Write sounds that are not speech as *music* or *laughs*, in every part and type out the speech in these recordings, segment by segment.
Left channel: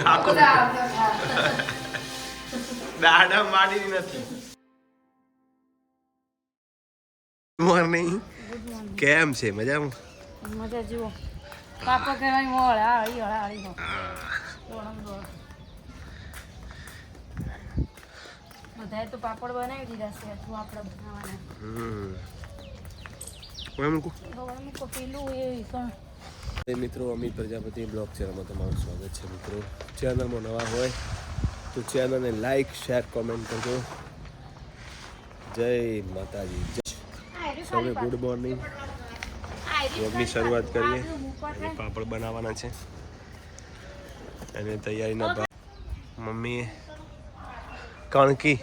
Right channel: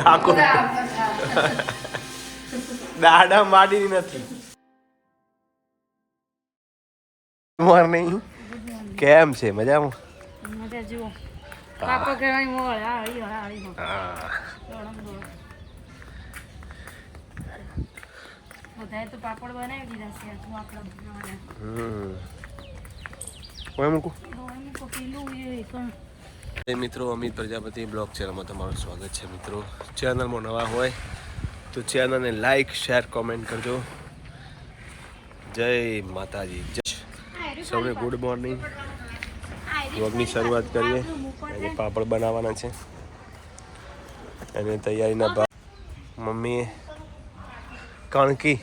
આખો *laughs* દાડા માડી નથી. મોર્નિંગ કેમ છે? મજામાં? મજા જુઓ. પાપા કહેવાય મોળ આ હા. દોડમ દોડમ. બધાએ તો પાપડ બનાવી દીધા છે. હજુ આપણે બનાવવાના હમ. કોઈ મૂકું. કોઈ મૂકો પેલું એ પણ મિત્રો, અમિત પ્રજાપતિ બ્લોગ ચેનલમાં તમારું સ્વાગત છે મિત્રો. ચેનલમાં નવા હોય તો ચેનલને લાઈક, શેર, કોમેન્ટ કરજો. જય માતાજી. સૌને ગુડ મોર્નિંગ. બ્લોગની શરૂઆત કરીએ. અને પાપડ બનાવવાના છે. અને તૈયારીના ભાગ મમ્મીએ કણકી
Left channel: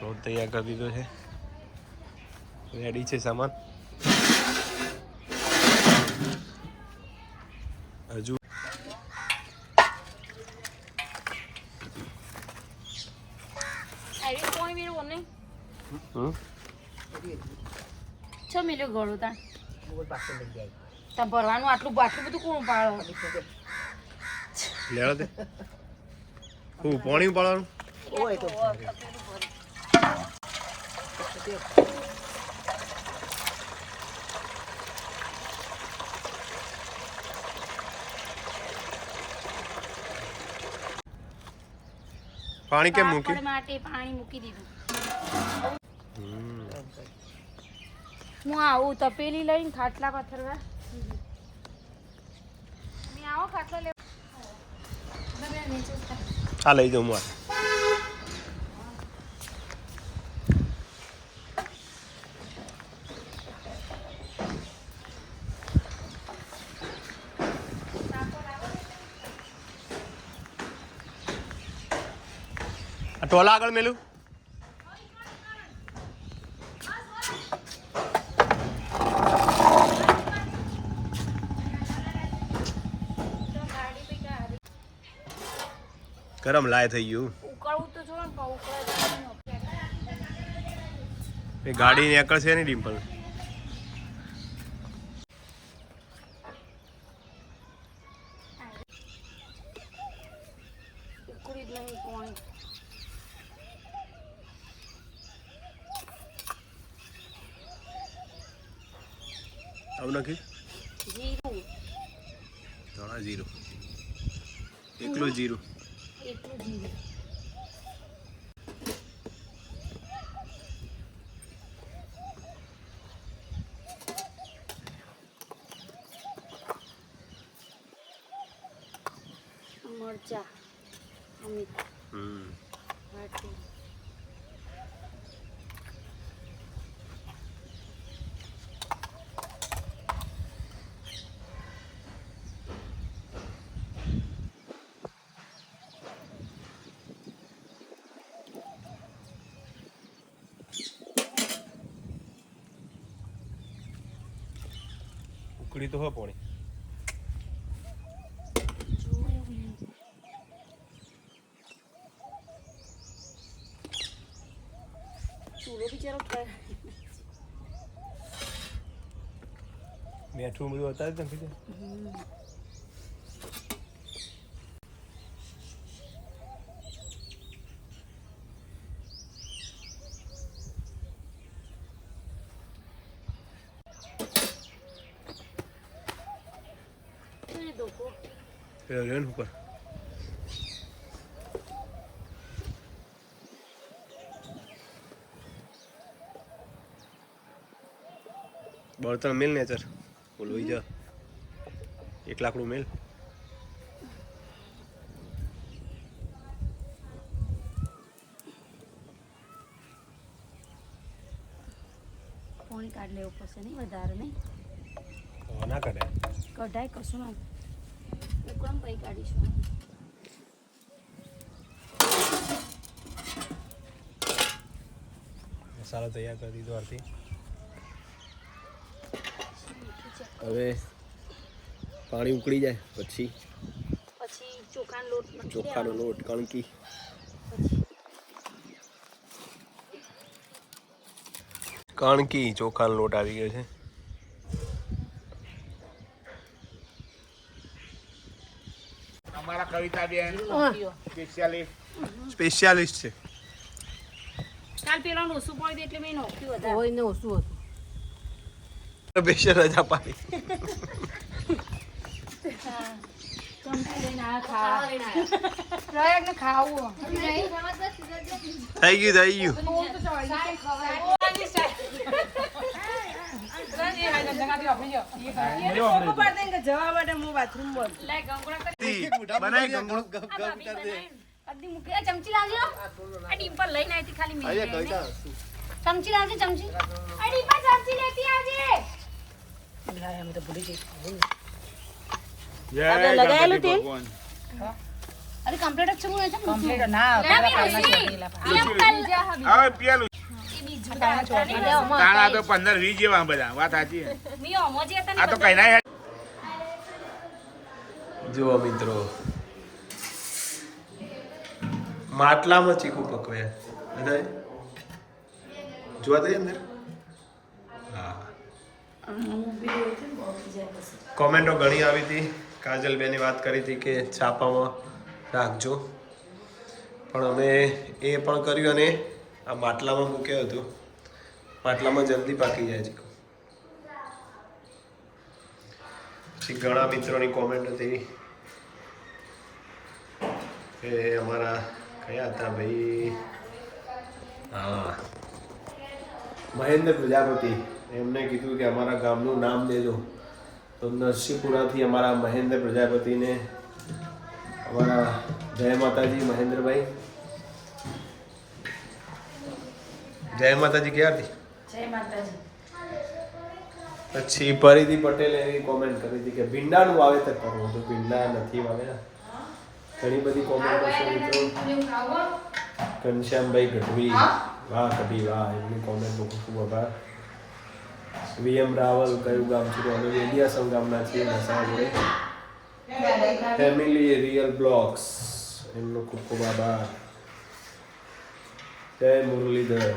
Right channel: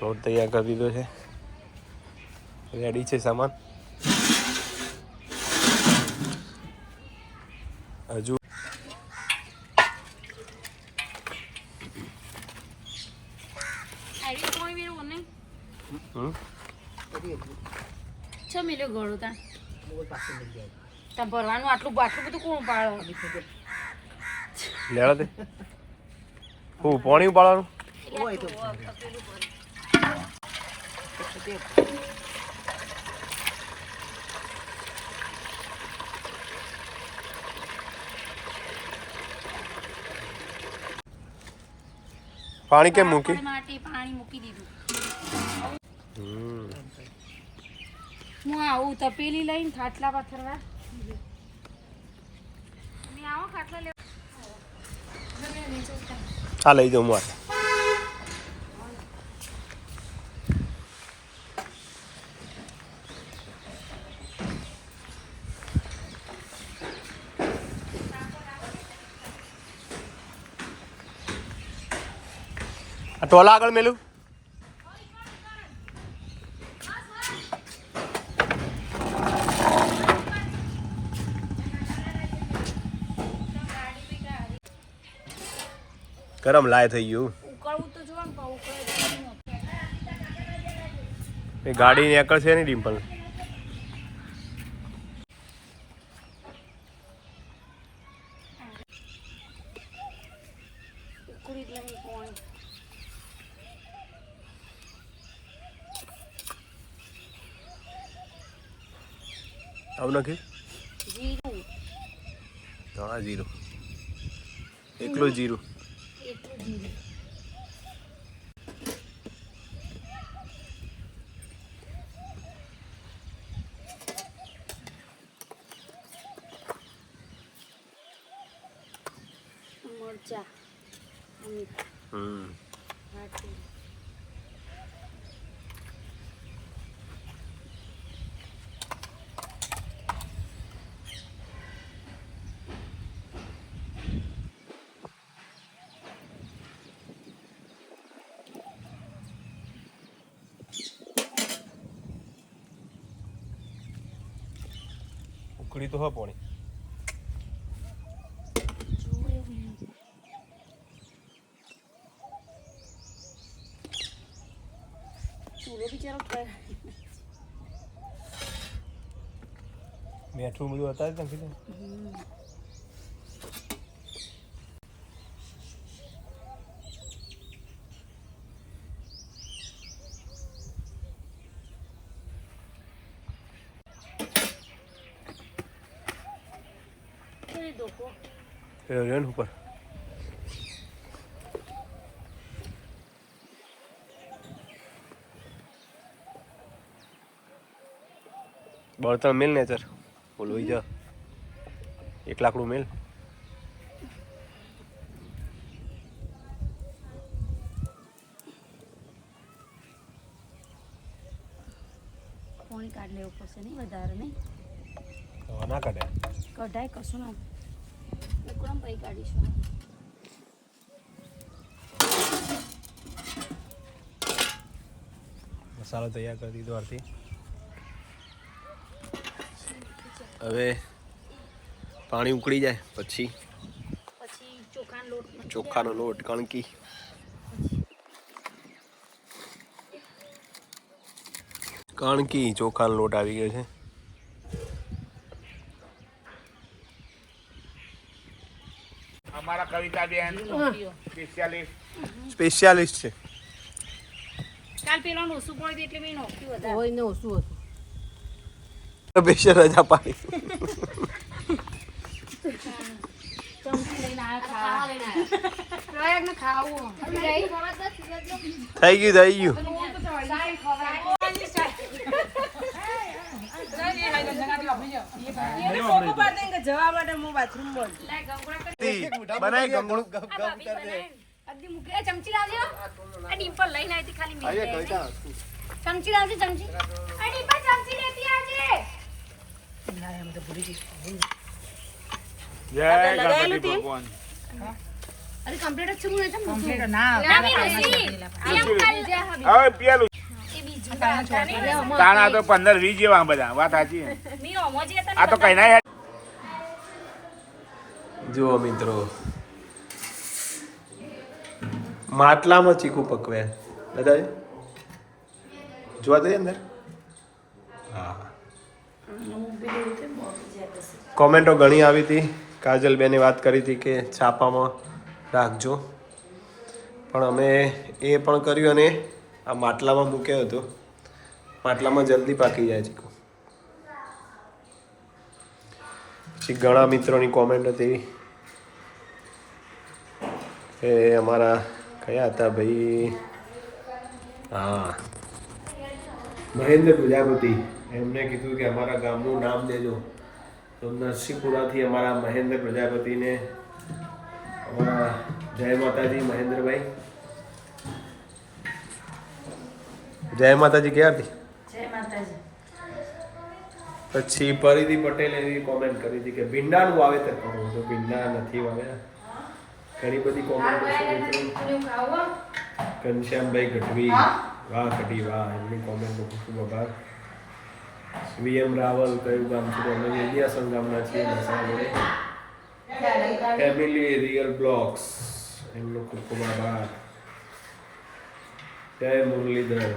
લોટ તૈયાર કરી દીધો છે. રેડી છે સામાન? હજુ આઈ કોઈ મેરો ઓને હમ? છે મિલ્યો ગળું તા તમે ભરવાનું આટલું આટલું બધું કોણ પાડો લેવા દે. હું પાણી ઉપાડવાનું? પાણી કેમ મૂકી? માટે પાણી મૂકી દીધું. હું આવું તપેલી લઈને ખાટલા પાથરવા. મેં આવો ખાટલા લેવા. આ લઈ જાઉં મારે ટોલા આગળ મેલું. ગરમ લાય થઈ ગયું. ને એ ગાડી નીકળશે નહીં ડિમ્પલ. ઉકળી જ નહીં કોણ આવું નથી જીરું હા જીરું એકલું જીરું એટલું જીરું મરચા અમિત હમ વાટી તો હા પોણી ચૂલો બિચારો ક- મીઠું હતા જ નથી હમ. તો એ ડોકો રહ્યો રહ્યો ને ઉપર બળતણ મેલ ને સર ઓલું જા એક લાકડું મેલ પાણી કાઢ લેવું પડશે નહીં વધારે નહીં ના કાઢે કઢાય કશું ના પછી કાઢીશું. મસાલો તૈયાર કરી દીધો આરતી. હવે પાણી ઉકળી જાય પછી પછી ચોખાનો લોટ મૂકી ચોખાનો લોટ કણકી. કણકી ચોખાનો લોટ આવી ગયો છે અમારા કવિતાબેન સ્પેશિયાલિસ્ટ સ્પેશિયાલિસ્ટ છે. કાલ પેલો ઓછું પડ્યું એટલે મેં નોખ્યું વધારે હોય ને ઓછું હતું? રજા પાડી. થઈ ગયું થઈ ગયું. જવા માટે હું બાથરૂમ બોલ બનાય ગંગળું અડધી મૂકી એ ચમચી લાવજો આ ડીમ્પલ લઈને આવી હતી ખાલી મેં ચમચી લાવજો ચમચી આ ડીમ્પલ ચમચી લેતી આવજે લગાયેલું તેલ? અરે કમ્પ્લીટ જ. છે હું એ ના ના મી ઋષિ એમ કલ હવે પેલું એ બીજું હતા ને તાણા તો પંદર વીસ જેવા બધા વાત સાચી *laughs* આ તો કઈ ના જુઓ મિત્રો. માટલામાં ચીકુ પકવે. દાદાજી જોવા દઈએ અંદર? હા. કોમેન્ટો ઘણી આવી હતી. કાજલબેને વાત કરી હતી કે છાપામાં રાખજો. પણ અમે એ પણ કર્યું અને આ માટલામાં મૂક્યો હતો. માટલામાં જલ્દી પાકી જાય ચીકુ પછી ઘણા મિત્રોની કોમેન્ટ હતી. એ અમારા કયા હતા ભાઈ? હા. મહેન્દ્ર પ્રજાપતિ. એમને કીધું કે અમારા ગામનું નામ દેજો. તો નરસિંહપુરાથી અમારા મહેન્દ્ર પ્રજાપતિને અમારા જય માતાજી મહેન્દ્રભાઈ. જય માતાજી ક્યાંથી માતાજી. પછી પરિધિ પટેલે એવી કોમેન્ટ કરી હતી કે ભીંડાનું વાવેતર કરવું તો ભીંડા નથી વાવ્યા ઘણી બધી કોમેન્ટ મિત્રો. ઘનશ્યામભાઈ ગઢવી. વાહ ગઢવી વાહ. એમની કોમેન્ટનો ખૂબ ખૂબ આભાર. વીએમ રાવલ કયું ગામ છે અમે વેલિયાસમ ગામના છીએ જોડે ફેમિલી રિયલ બ્લોગ્સ એમનો ખૂબ ખૂબ આભાર. જય મુરલીધર.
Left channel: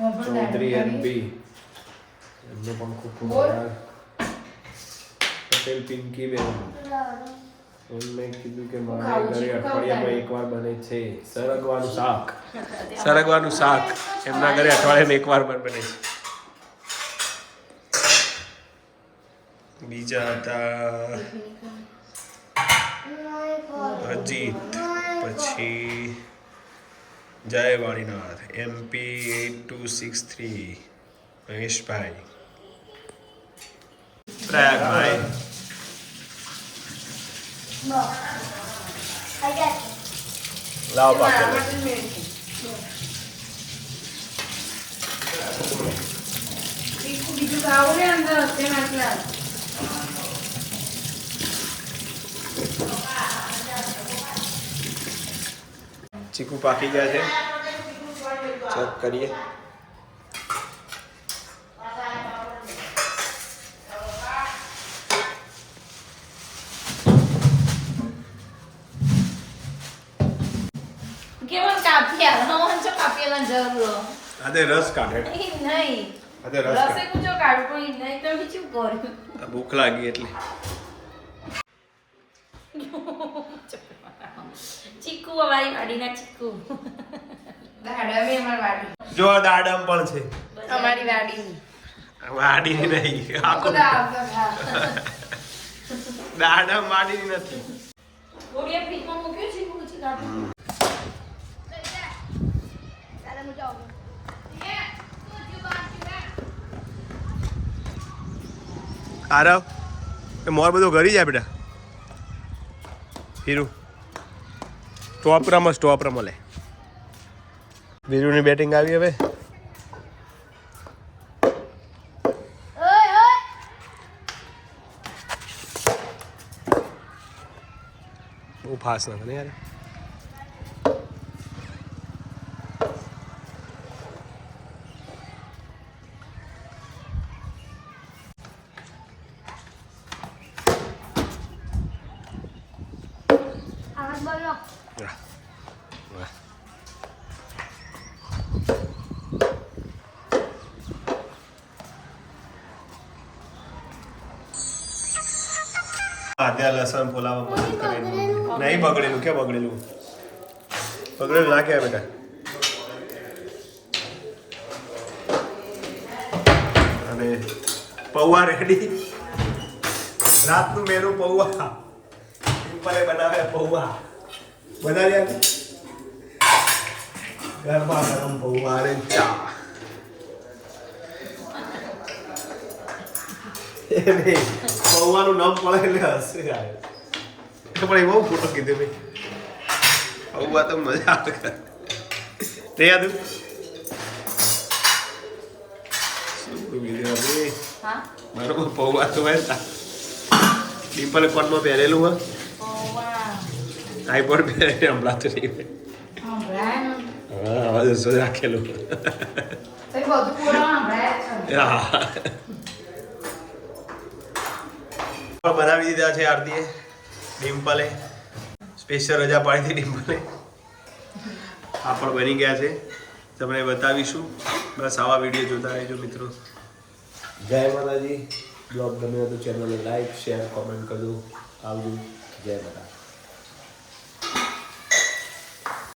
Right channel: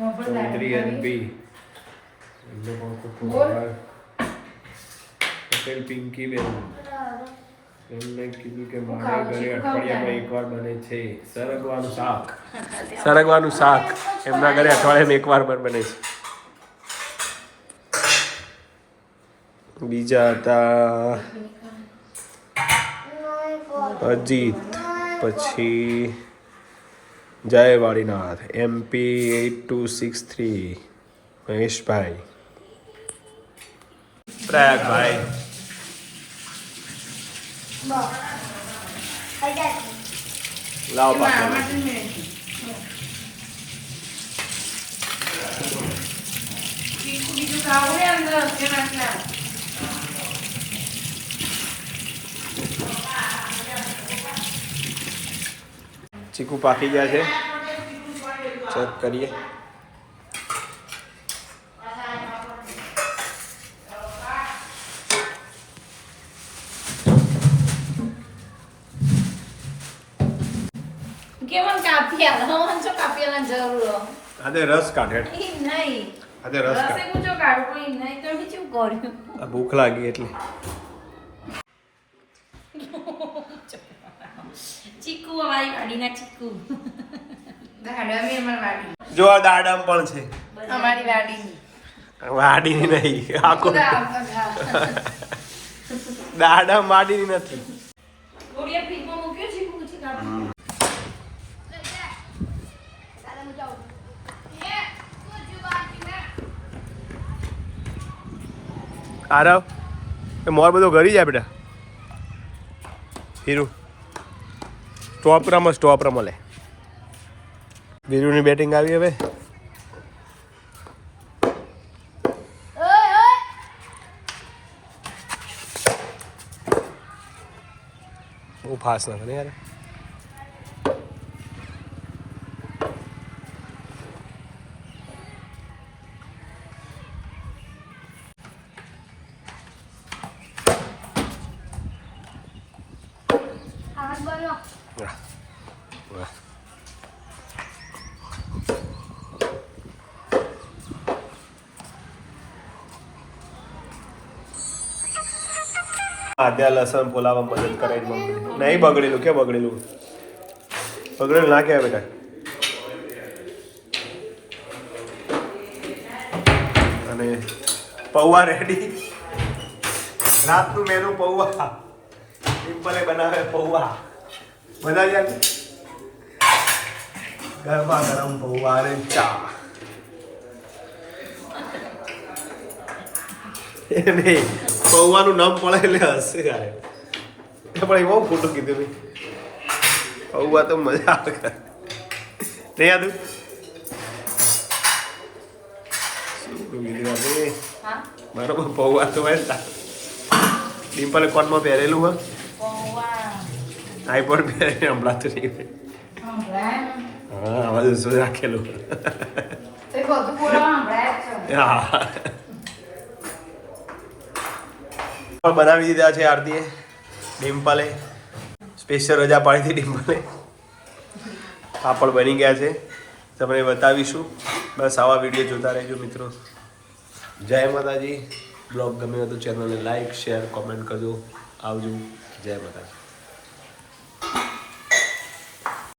ચૌધરી બી એમને પણ ખૂબ ખૂબ આભાર. પટેલ પિંકી બેન. એમને કીધું કે મારે ઘરે અઠવાડિયામાં એકવાર બને છે. સરગવાનું શાક. સરગવાનું શાક. એમના ઘરે અઠવાડિયામાં એકવાર પણ બને છે. બીજા હતા અજીત પછી જય Valinath MP at two six three મહેશભાઈ. પ્રયાગભાઈ. લાવ પાછળ ચીકુ પાકી ગયા છે. ચેક કરીએ. આજે રસ કાઢે. નહીં. આજે રસ કાઢે. ભૂખ લાગી એટલે. *laughs* ચીકુ અમારી વાડીના ચીકુ. જો આ દાડમ પણ છે. અમારી વાડી. વાડીની નહીં આખો દાડમ વાડીની નથી. આરવ એ મોર બધો ઘરી જાય બેટા. હીરું. સ્ટોપ રમો સ્ટોપ રમો લે. વીરુની બેટિંગ આવી હવે. બહુ ફાસ્ટ ના ને યાર. વાહ. વાહ. હા લસણ ફોલાવા મદદ કરે નહીં, બગડેલું. કે બગડેલું? બગડેલું ના કહેવાય બેટા. અને પૌવા રેડી રાતનું મેનુ પૌવા. સિમ્પલે બનાવે પૌવા. બનાવી આપે ગરમા ગરમ અને ચા એ નહીં પૌવાનું નામ પડે એટલે હસી આવે પણ એમાં ખોટું કીધું ભાઈ પૌવા તો મજા આવે નહીં યાદ બરોબર પૌવા તો હોય ને ડિમ્પલે કોનમાં પહેરેલું હોય આઈપોડ પહેરીને હમણાં નહીં હા અવાજ શું રાખેલું હા પણ બનાવી દીધા છે આરતીએ ડિમ્પલે સ્પેશિયલ રજા પાડી હતી ડિમ્પલે પાપડ બની ગયા છે. તમને બતાવીશું. બસ આવા વીડિયો જોતા રહેજો મિત્રો. જય માતાજી. બ્લોગ ગમે તો ચેનલને લાઈક શેર કોમેન્ટ કરજો. આવજો. જય માતાજી.